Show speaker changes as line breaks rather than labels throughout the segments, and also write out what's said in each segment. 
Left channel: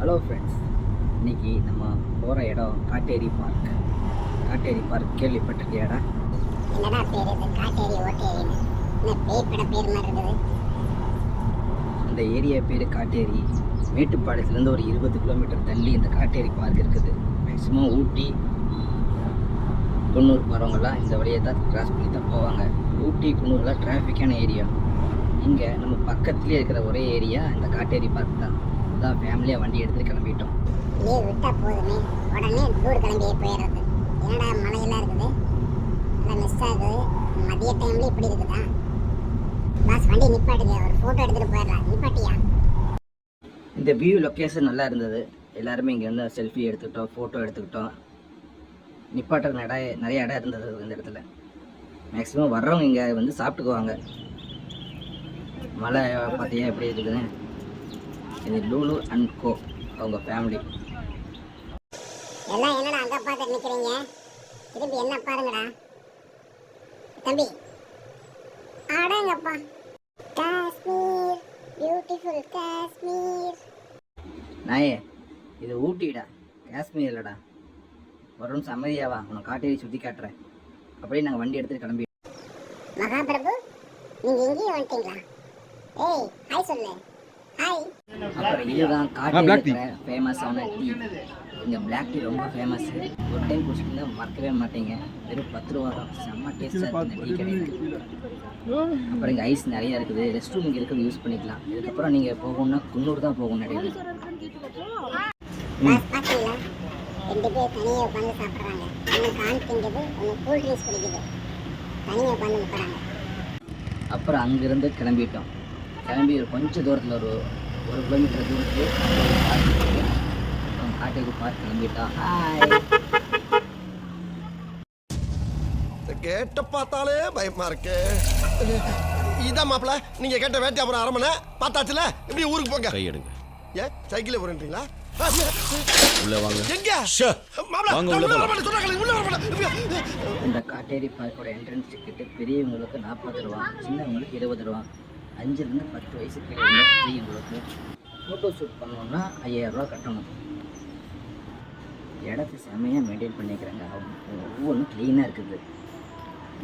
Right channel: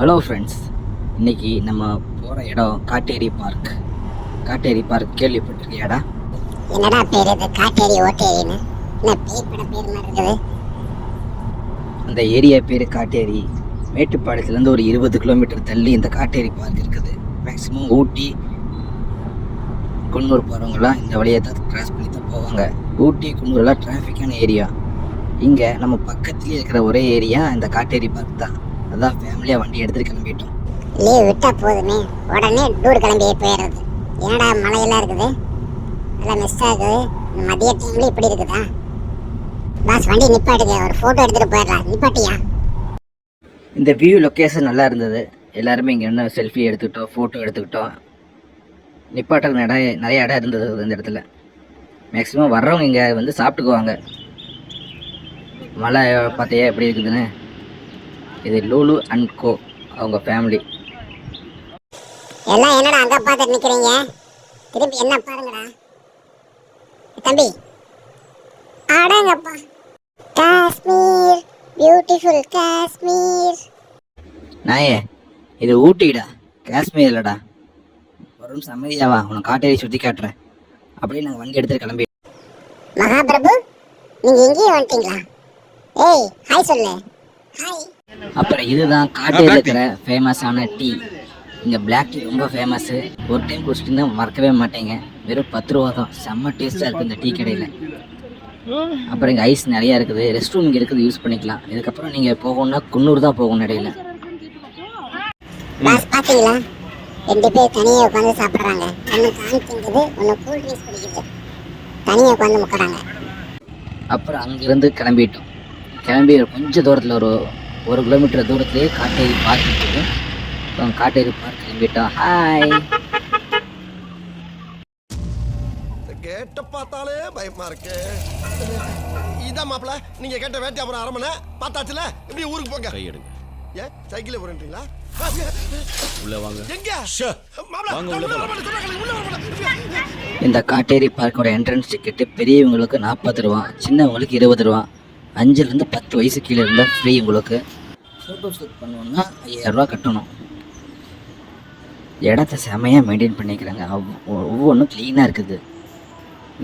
Hello friends இன்னைக்கு நம்ம போகிற இடம் காட்டேரி பார்க் காட்டேரி பார்க் கேள்விப்பட்டிருக்கியாடா
என்னடா பேர் இது? காட்டேரி ஓட்டேரின்னு? என்ன பேய் பட பேர் மாதிரி இருக்குது.
அந்த ஏரியா பேர் காட்டேரி. மேட்டுப்பாளையத்துலேருந்து ஒரு இருபது கிலோமீட்டர் தள்ளி இந்த காட்டேரி பார்க் இருக்குது. மேக்ஸிமம் ஊட்டி குன்னூர் போகிறவங்களாம் இந்த வழியை தான் கிராஸ் பண்ணி தான் போவாங்க. ஊட்டி குன்னூர்லாம் டிராஃபிக்கான ஏரியா இங்கே நம்ம பக்கத்துலேயே இருக்கிற ஒரே ஏரியா இந்த காட்டேரி பார்க் தான். அதான் ஃபேமிலியாக வண்டி எடுத்துகிட்டு கிளம்பிட்டோம்.
லீவ் விட்டா போதுமே. உடனே டூர் கிளம்பியே போயிடுறது என்னடா மழையெல்லாம் இருக்குது? எல்லாம் மிஸ் ஆகுது மதிய டைம்ல இப்படி இருக்குதா? பாஸ் வண்டி நிப்பாட்டுங்க. ஒரு ஃபோட்டோ எடுத்துட்டு போயிடலாம். நிப்பாட்டியா?
இந்த வியூ லொக்கேஷன் நல்லா இருந்தது. எல்லாருமே இங்கே என்ன செல்ஃபி எடுத்துக்கிட்டோம் ஃபோட்டோ எடுத்துக்கிட்டோம். நிப்பாட்டுறது நிறைய நிறைய இடம் இருந்தது இந்த இடத்துல. மேக்ஸிமம் வர்றவங்க இங்கே வந்து சாப்பிட்டுக்குவாங்க. மழை பார்த்தியா எப்படி இருக்குதுன்னு? இது லூலு அண்ட் கோ அவங்க ஃபேமிலி
எல்லாம் என்னடா அங்க பார்த்துட்டு நிக்கிறீங்க? திருப்பி என்ன பாருங்கடா. தம்பி. அடங்கப்பா. காஷ்மீர். பியூட்டிஃபுல் காஷ்மீர்.
நாயே இது ஊட்டிடா. காஷ்மீர் இல்லைடா. வரும் சம்மதியாவா உனக்கு காட்டேரி சுற்றி காட்டுறேன். அப்படியே நாங்கள் வண்டி எடுத்துட்டு கிளம்பி.
மகாபிரபு நீங்க இங்கேயே வந்துட்டீங்களா? ஏய் ஹாய் சொல்லு. ஹாய்
அப்புறம் இதுதான் காட்டில் இருக்கிற ஃபேமஸான டீ இங்கே பிளாக் டீ ரொம்ப ஃபேமஸ்ஸு ஒரு டைம் குடிச்சிட்டு மறக்கவே மாட்டேங்க. வெறும் பத்து ரூபா தான். செம்ம டேஸ்ட்டாக இருக்குது இந்த டீ கடையில். அப்புறம் இங்கே ஐஸ் நிறையா இருக்குது. ரெஸ்ட் ரூம் இங்கே இருக்குது. யூஸ் பண்ணிக்கலாம். இதுக்கப்புறம் நீங்கள் போகணுன்னா குன்னூர் தான் போகணும் இடையில.
பாஸ் பாத்தீங்களா? ரெண்டு பேர் தனியா உட்காந்து சாப்பிடுறாங்க. ஒன்னு கான் திங்குது ஒன்னு கூல் ட்ரிங்க்ஸ் குடிக்குது. தனியா உட்காந்து முக்கறாங்க
அப்புறம் அங்கேருந்து கிளம்பிட்டோம். கிளம்பி கொஞ்சம் தூரத்தில் ஒரு ஒரு கிலோமீட்டர் தூரத்துலேயே காட்டேரி பார்க் இருக்குது அப்புறம் காட்டேரி பார்க் கிளம்பிட்டோம் ஹாய்
கேட்ட பார்த்தாலே பயமா இருக்கு. இதான் மாப்பிள நீங்க கேட்ட வேட்டை அப்புறம் அரமனை பார்த்தாச்சுல? இப்படி ஊருக்கு போங்க.
கையெடுங்க
ஏன் சைக்கிளே போறீங்களா
உள்ள வாங்க.
எங்க?
ஷே.
மாப்பிள
வாங்க,
நான்
உள்ள
உள்ள
போலாம்.
வரமாட்டேன், சொன்னாங்களே, உள்ள வரமாட்டேன்.
இந்த காட்டேரி பார்க்கோட என்ட்ரன்ஸ் டிக்கெட்டு பெரியவங்களுக்கு நாற்பது ரூபா சின்னவங்களுக்கு இருபது ரூபா. அஞ்சுலேருந்து பத்து வயசு கீழே இருந்தால் ஃப்ரீ உங்களுக்கு. ஃபோட்டோ ஷூட் பண்ணணுன்னா ஐயாயிரரூவா கட்டணும். இடத்த செமையாக மெயின்டைன் பண்ணிக்கிறாங்க. ஒவ்வொன்றும் க்ளீனாக இருக்குது.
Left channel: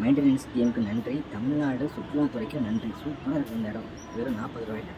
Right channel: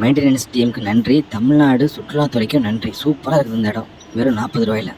மெயின்டெனன்ஸ் டீமுக்கு நன்றி. தமிழ்நாடு சுற்றுலாத்துறைக்கும் நன்றி. சூப்பராக இருக்குது இந்த இடம். வெறும் நாற்பது ரூபாயில்.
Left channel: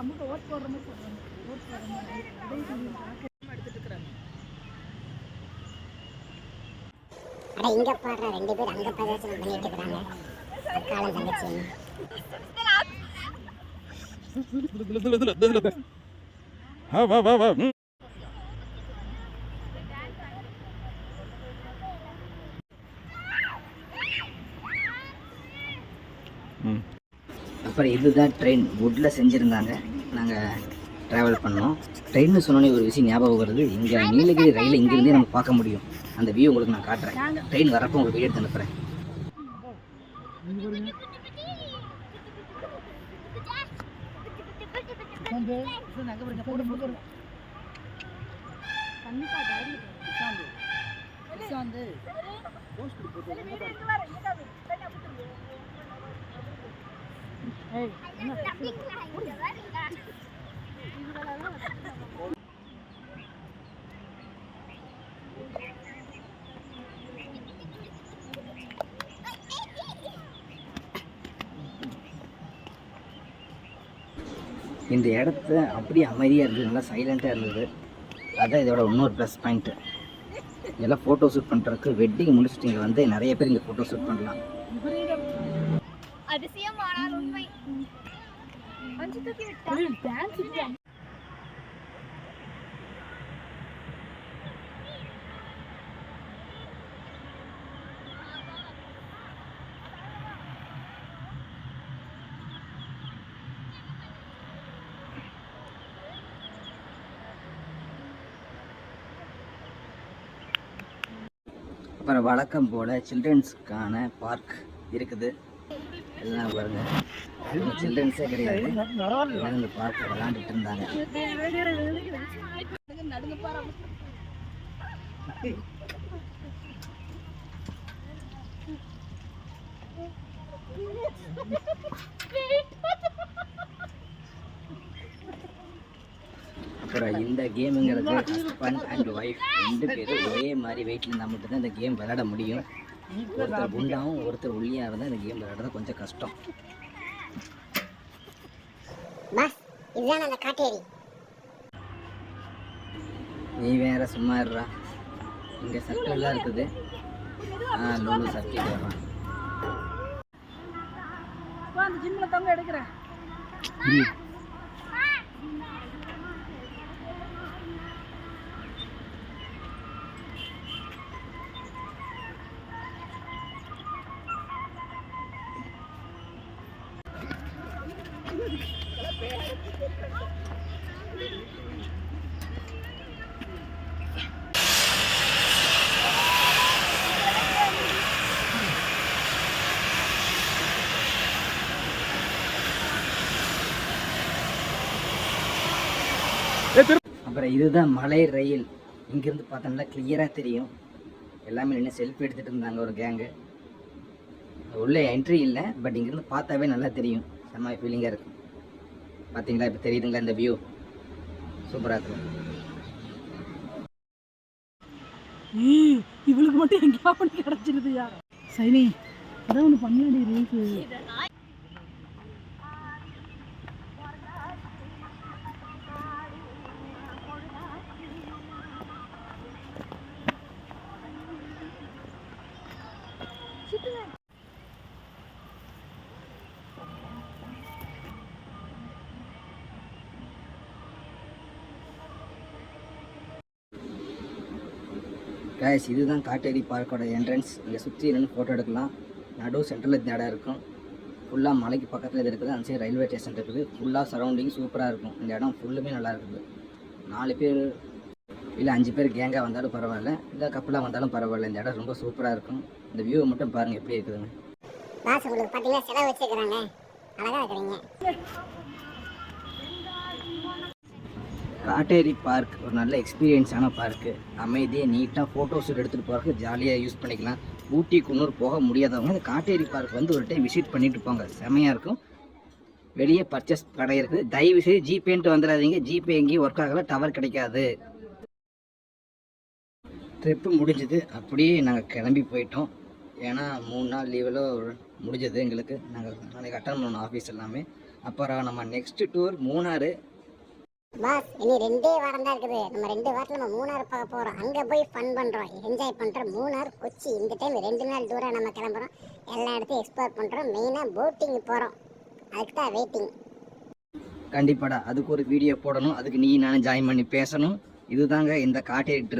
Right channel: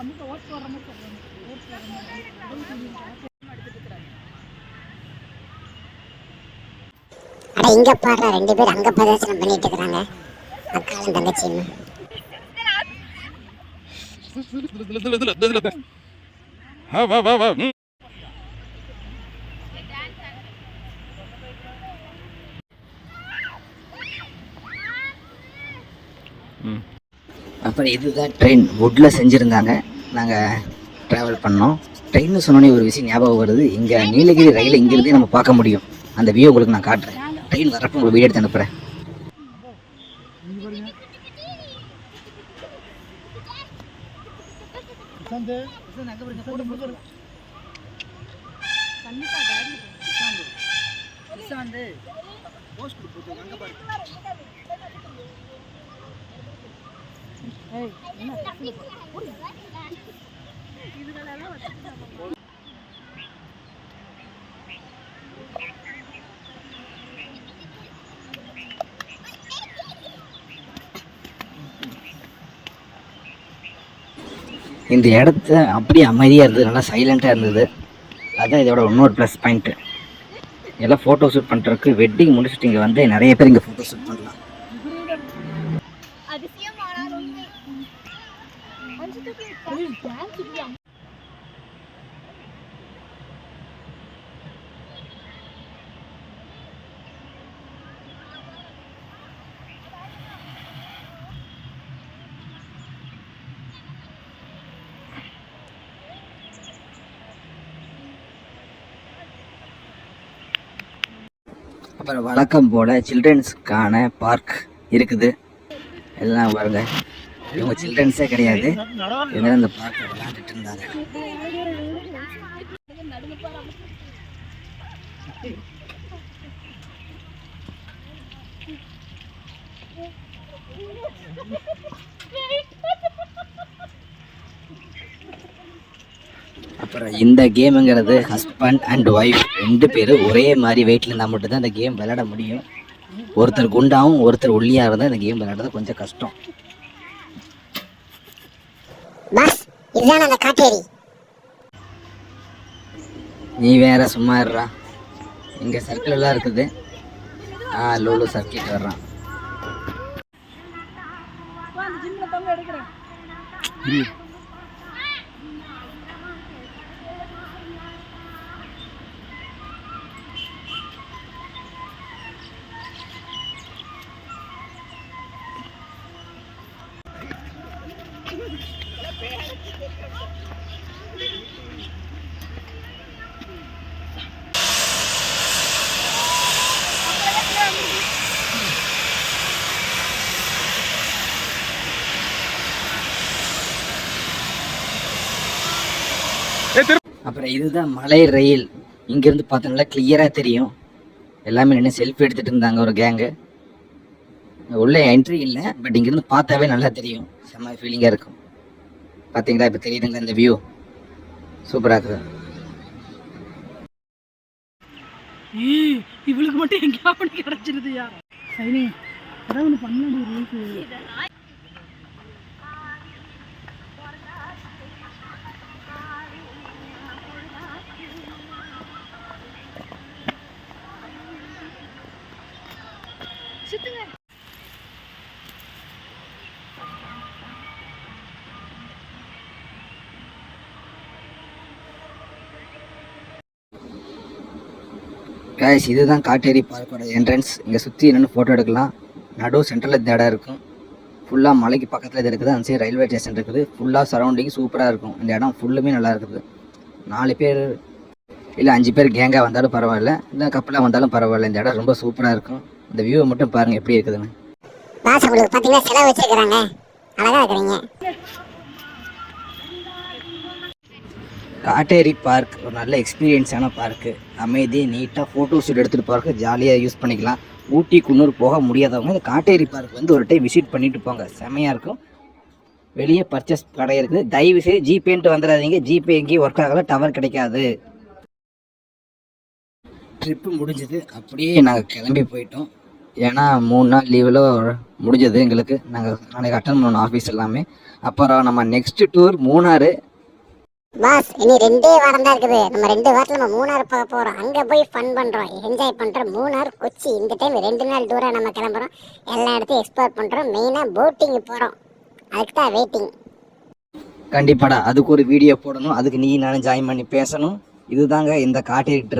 அமுக ஓட் போடுற மாதிரி சொல்லுவாங்க ஓட் போடுற மாதிரி.
அட இங்க பாடுற ரெண்டு பேர் அங்க பிரதர்சனம் பண்ணிட்டு இருக்காங்க அக்காலும் தங்கச்சியும்.
வா வா வா ம். ம்.
அப்புறம் இதுதான் ட்ரெயின் வுட்டில் செஞ்சுருந்தாங்க. நாங்கள் ட்ராவல் பண்ணோம். ட்ரெயின்னு சொன்னோன்னே ஒரு விஷயம் ஞாபகம் வருது. இங்கே நீலகிரி ரயிலை இங்கேருந்தே நம்ம பார்க்க முடியும். அந்த வியூ உங்களுக்கு நான் காட்டுறேன். ட்ரெயின் வரப்போ உங்களுக்கு வீடியோ எடுத்து அனுப்புகிறேன் இந்த இடத்த அப்படியே அமைதியாக இருந்தது நல்லா சைலண்ட்டாக இருந்தது. அதுதான் இதோட இன்னொரு ப்ளஸ் பாயிண்ட்டு எல்லாம் ஃபோட்டோ ஷூட் பண்ணுறதுக்கு வெட்டிங் முடிச்சுட்டு இங்கே வந்து நிறைய பேர் இங்கே ஃபோட்டோ ஷூட் பண்ணலாம்.
அதிசயமானால் உண்மை
அப்புறம் வழக்கம் போல் சில்ட்ரன்ஸ்க்கான பார்க் இருக்குது. எல்லாம் பாருங்க. இவங்க சில்ட்ரன்ஸே கிடையாது. இவங்க அந்த பார்க்கில் விளாண்டுட்டு இருந்தாங்க. இந்த கேமுங்கிறது ஹஸ்பண்ட் அண்ட் ஒய்ஃப் ரெண்டு பேரும் ஒரே மாதிரி வெயிட்ல இருந்தால் மட்டும்தான் இந்த கேம் விளையாட முடியும். ஒருத்தர் குண்டாவும் ஒருத்தர் ஒல்லியாக இருந்தால் இந்த கேம் விளையாடுறது கொஞ்சம் கஷ்டம். நீ வேற சும்மா இருடா. இங்கே சர்க்கிள் எல்லாம் இருக்குது. ஆ லோலு சர்க்கிள் வர்றான்.
திரு
அப்புறம் இதுதான் மலை ரயில். இங்கேருந்து பார்த்தோம்னா கிளியராக தெரியும். எல்லாமே நின்று செல்ஃபி எடுத்துகிட்டு இருந்தாங்க ஒரு கேங்கு உள்ளே என்ட்ரி இல்லை பட் இங்கேருந்து பார்த்தாவே நல்லா தெரியும். செம்ம ஃபீலிங்காக இருக்கும். பார்த்தீங்களா இப்போ தெரியுதுங்களா இந்த வியூ சூப்பராக இருக்குது
இவளுக்கு மட்டும் எங்கேயா பண்ணி கிடைச்சிருதுயா சைனி ஏதாவது ஒன்று பண்ணலாடி ரூல்ஸு
இதுதான் காட்டேரி பார்க்கோட என்ட்ரன்ஸ் இங்கே சுற்றி என்னென்னு ஃபோட்டோ எடுக்கலாம். நடு சென்டரில் இந்த இடம் இருக்கும். ஃபுல்லாக மலைக்கு பக்கத்தில் இது இருக்குது. அந்த சைடு ரயில்வே ஸ்டேஷன் இருக்குது. ஃபுல்லாக சரௌண்டிங் சூப்பராக இருக்கும். இந்த இடம் ஃபுல்லுமே நல்லா இருக்குது. நாலு பேர் இல்லை அஞ்சு பேர் கேங்காக வந்தாலும் பரவாயில்ல. இல்லை கப்பலாக வந்தாலும் பரவாயில்ல. இந்த இடம் ரொம்ப சூப்பராக இருக்கும். இந்த வியூவை மட்டும் பாருங்கள் எப்படி இருக்குதுன்னு.
பாஸ் உங்களுக்கு பார்த்தீங்கன்னா செலவு வச்சிருக்கிறாங்க. அழகாக இருக்கிறீங்க.
காட்டேரி பார்க் ஒரு நல்ல எக்ஸ்பீரியன்ஸான பார்க்கு அமைதி நீட்டாக ஃபோட்டோ ஷூட் எடுத்துகிட்டு போகிறக்கு ஜாலியாக யூஸ் பண்ணிக்கலாம். ஊட்டி குன்னூர் போக முடியாதவங்க இந்த காட்டேரி பார்க் வந்து ஒரு டைம் விசிட் பண்ணிட்டு போங்க. செமையாக இருக்கும். வெளியே பர்ச்சேஸ் கடை இருக்குது. தயவு செய்து ஜிபேன்ட்டு வந்துடாதீங்க. ஜிபே எங்கேயும் ஒர்க் ஆகல. டவர் கிடைக்காது. ட்ரிப்பு முடிஞ்சது. அப்படியே நாங்கள் கிளம்பி போயிட்டோம். ஏன்னா மூணு நாள் லீவில் முடிஞ்சது எங்களுக்கு. நாங்கள் நாளைக்கு அட்டன் பண்ணணும் ஆஃபீஸ் எல்லாமே. அப்புறம் நம்ம நெக்ஸ்ட் டூர் மூணாறு.
பாஸ் இனி ரெண்டே வாரம் தான் இருக்குது. நம்ம ரெண்டு வாரத்தில் நம்ம மூணார் போக போகிறோம் அங்கே போய் ஃபன் பண்ணுறோம் என்ஜாய் பண்ணுறோம் மூணார் கொச்சி இந்த டைம் ரெண்டு நாள் தூரம் நம்ம கிளம்புறோம். எல்லா இடத்தையும் எக்ஸ்ப்ளோர் பண்ணுறோம் மெயினாக போட்டிங் போகிறோம் அதுக்கு தான் வெயிட்டிங்
கண்டிப்பாடா. அதுக்கு ஒரு வீடியோ போடணும். அதுக்கு நீ நானும் ஜாயின் பண்ணி பேசணும். இதுதாங்க இந்த காட்டிட்டு.